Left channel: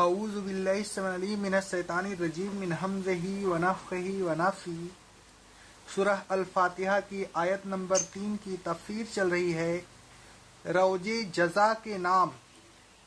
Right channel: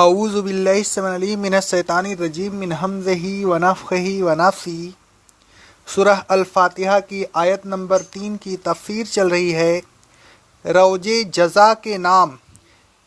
اعوذ باللہ السمیع العلیم من الشیطان الرجیم من ہمزہ ونفخہ ونفثہ۔ سورہ الفاتحہ کی آیت نمبر 3 کی تفسیر چل رہی ہے۔ روز جزا کے نام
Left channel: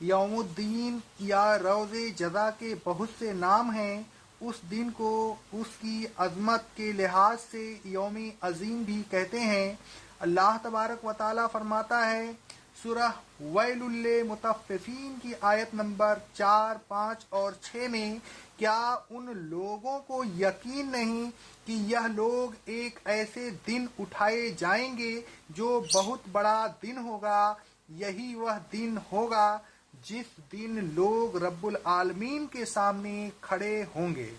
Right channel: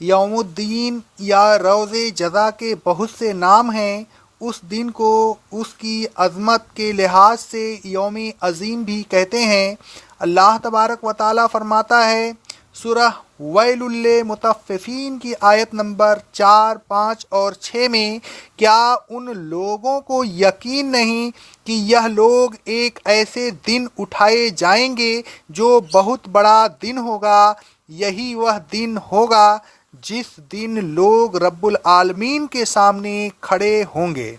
یوم الدین یا روز جزا کے بہت سے نام ہیں۔ اس دن کو اس کی عظمت کے لحاظ سے یوم عظیم بھی کہتے ہیں۔ اللہ تبارک و تعالیٰ فرماتا ہے سورہ ویل للمطففین کی آیت نمبر 4، 5 اور 6 میں، کیا ان لوگوں کو یقین نہیں کہ یہ لوگ ایک ایسے دن اٹھائے جائیں گے جو بہت بڑا دن ہوگا، یہی وہ دن ہوگا جس دن لوگ رب العالمین کے سامنے کھڑے ہوں گے۔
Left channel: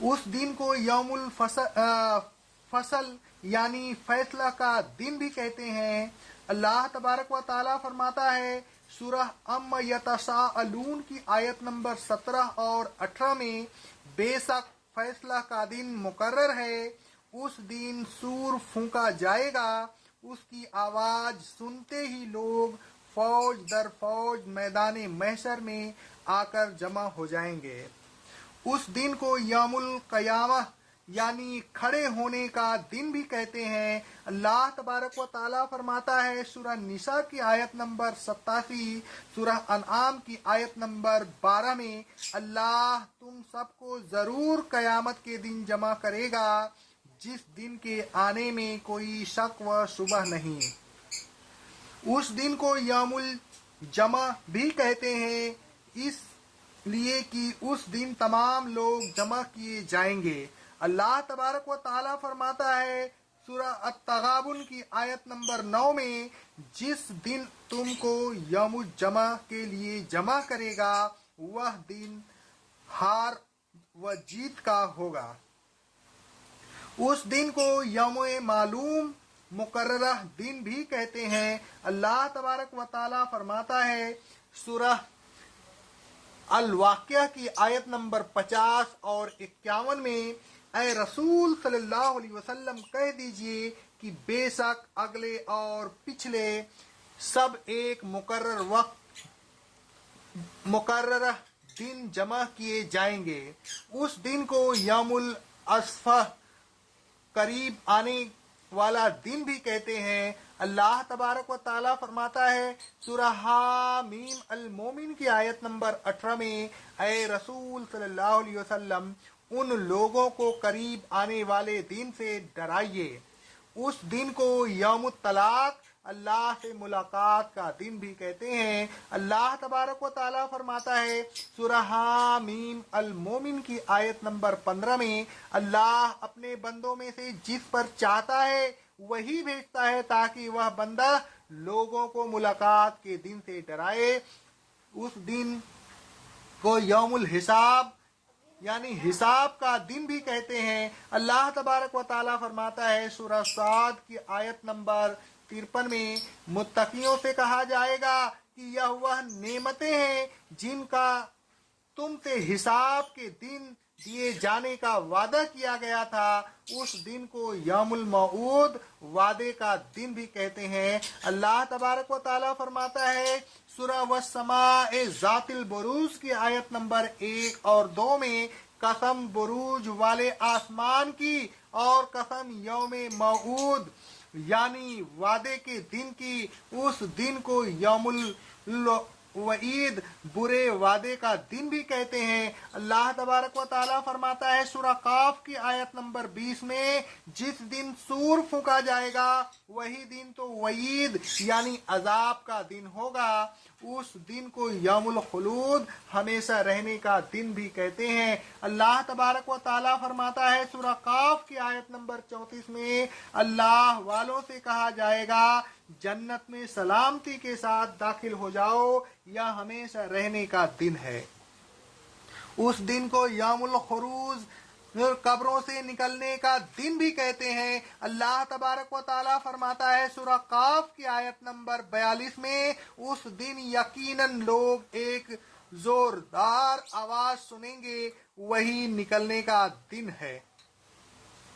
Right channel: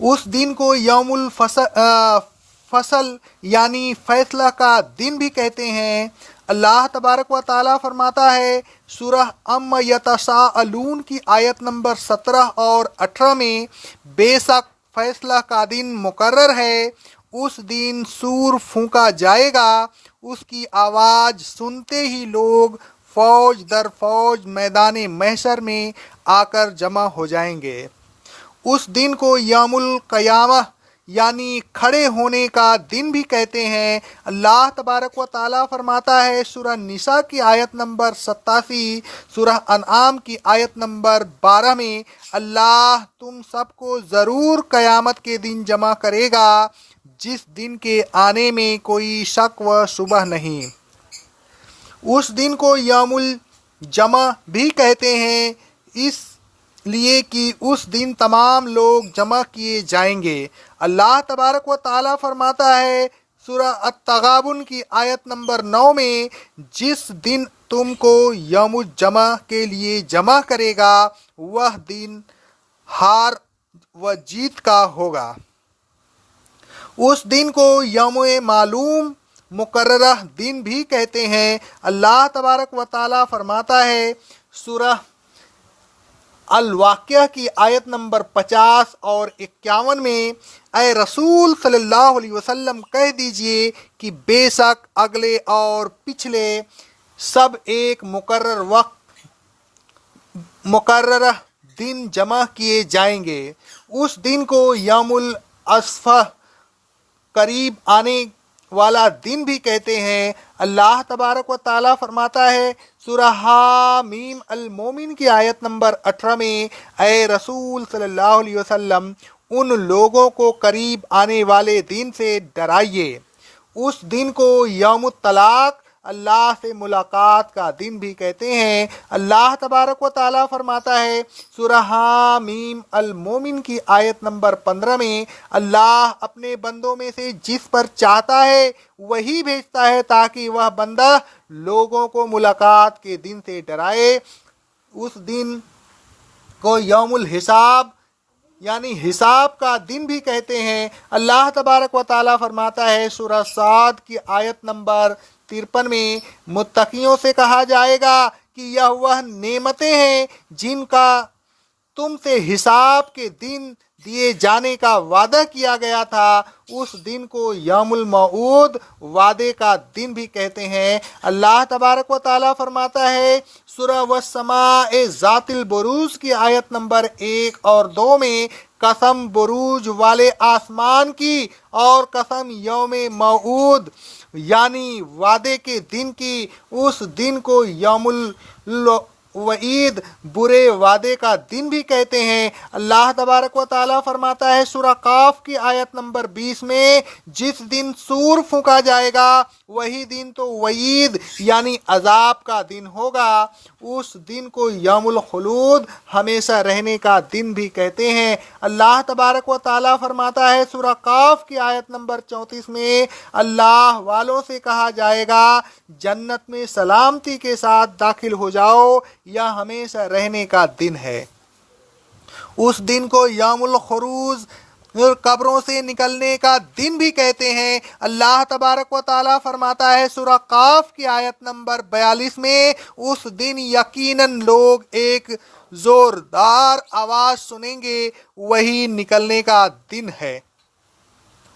اس دن کو یوم الفصل یعنی فیصلہ کا دن بھی کہتے ہیں۔ اللہ تبارک و تعالیٰ فرماتا ہے سورہ عما یتساءلون کی آیت نمبر 17 اور 18 میں، بے شک فیصلہ کا دن مقرر ہے، اس دن سور پھونکا جائے گا، اس کی آواز سنتے ہی لوگ فوج در فوج میدان محشر میں آ کر جمع ہو جائیں گے۔ اس دن کو یوم القیامہ یعنی کھڑے ہونے کا دن بھی کہتے ہیں۔ اللہ تبارک و تعالیٰ فرماتا ہے سورہ نساء کی آیت نمبر 87، سورہ انعام کی آیت نمبر 12 میں، اللہ تم سب کو ضرور قیامت کے دن جمع کرے گا، جس دن کے آنے میں کوئی شک و شبہ نہیں۔ اس دن کو یوم الجمع بھی کہتے ہیں، اس لیے کہ اس دن تمام لوگ جمع کیے جائیں گے۔ اللہ تبارک و تعالیٰ فرماتا ہے سورہ التغابن کی آیت نمبر 9 میں، جس دن تم کو یوم الجمع کے لیے جمع کرے گا، وہ دن ہار و جیت کا ہوگا۔ اس دن کو یوم معلوم مقررہ دن بھی کہتے ہیں۔ اللہ تبارک و تعالیٰ فرماتا ہے سورہ الواقعہ کی آیت نمبر 50 اور 51 میں، اے رسول صلی اللہ علیہ وسلم کہہ دیجئے کہ بے شک اگلے اور پچھلے سب ایک مقرر وقت مقررہ دن جمع کیے جائیں گے۔ اس دن کو یوم العصفہ قریب آنے والا دن بھی کہتے ہیں۔ اللہ تبارک و تعالیٰ فرماتا ہے سورہ حامیم المومن کی آیت نمبر 18 میں، اے رسول صلی اللہ علیہ وسلم ان لوگوں کو قریب آنے والے دن سے ڈرائیے۔ اس دن کو یوم الطلاق اللہ سے ملاقات کا دن بھی کہتے ہیں۔ اللہ تبارک و تعالیٰ فرماتا ہے سورہ حامیم المومن کی آیت نمبر 15 میں، اللہ اپنے بندوں میں سے جس پر چاہتا ہے وہی بھیجتا ہے تاکہ وہ بندہ لوگوں کو ملاقات کے دن سے ڈرائے۔ اس دن کو یوم الحساب یعنی حساب کا دن بھی کہتے ہیں۔ اللہ تبارک و تعالیٰ فرماتا ہے سورہ صاد کی آیت نمبر 53 میں، متقیوں سے کہا جائے گا کہ یہ وہ نعمتیں ہیں جن کا تم سے حساب کے دن دیے جانے کا وعدہ کیا گیا تھا۔ اس دن کو یوم الموعود وعدے کا دن بھی کہتے ہیں۔ اللہ تبارک و تعالیٰ فرماتا ہے سورہ والسماء ذات البروج کی آیت نمبر 1 اور 2 میں، قسم بروج والے آسمان کی اور قسم یوم موعود یعنی وعدے کے دن کی۔ اس دن کو یوم الوعید برے وعدے کا دن بھی کہتے ہیں۔ اللہ تبارک و تعالیٰ فرماتا ہے سورہ قاف کی آیت نمبر 20 میں، جس دن سور پھونکا جائے گا وہی دن تو وعید یعنی عذاب کا دن ہوگا۔ اس دن کو یوم الخلود ہمیشہ رہنے کا دن بھی کہتے ہیں۔ اللہ تبارک و تعالیٰ فرماتا ہے سورہ قاف کی آیت نمبر 34 میں، اللہ والوں سے کہا جائے گا جنت میں سلامتی کے ساتھ داخل ہو جاؤ، یہ ہمیشہ رہنے کا دن ہے۔ اس دن کو یوم الخروج قبروں سے نکلنے کا دن بھی کہتے ہیں۔ اللہ تبارک و تعالیٰ فرماتا ہے سورہ قاف کی آیت نمبر 42 میں، اس دن یقیناً لوگ ایک زوردار آواز سنیں گے، وہی نکلنے کا دن ہے۔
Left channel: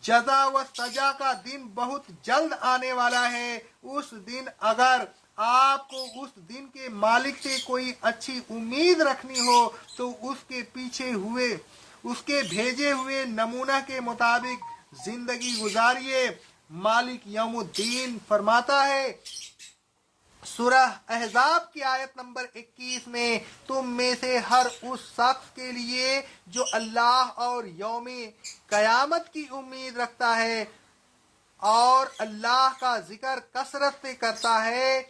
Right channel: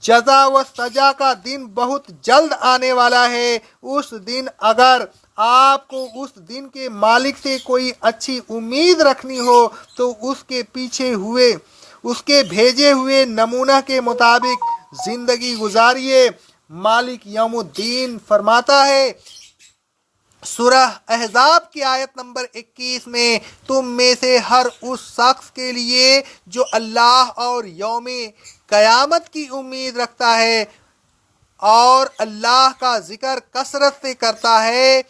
جزا و سزا کا دن بہت جلد آنے والا ہے۔ اس دن اگر آپ کو اس دن کے مالک سے کوئی اچھی امید رکھنی ہو تو اس کے بھیجے ہوئے نمونہ کے مطابق زندگی گزاریے۔ مالک یوم الدین فرماتا ہے سورہ احزاب کی آیت نمبر 21 میں، تم میں سے ہر اس شخص کے لیے جو اللہ اور یوم قیامت کی امید رکھتا ہے اور اللہ کا ذکر کثرت سے کرتا ہے،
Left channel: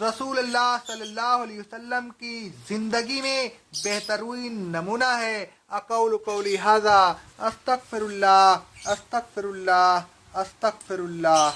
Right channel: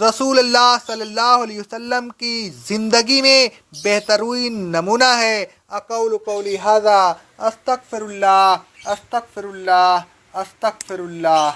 رسول اللہ صلی اللہ علیہ وسلم کی زندگی میں بہترین نمونہ ہے۔ اقول قولی ھذا استغفر اللہ استغفر اللہ استغفر اللہ۔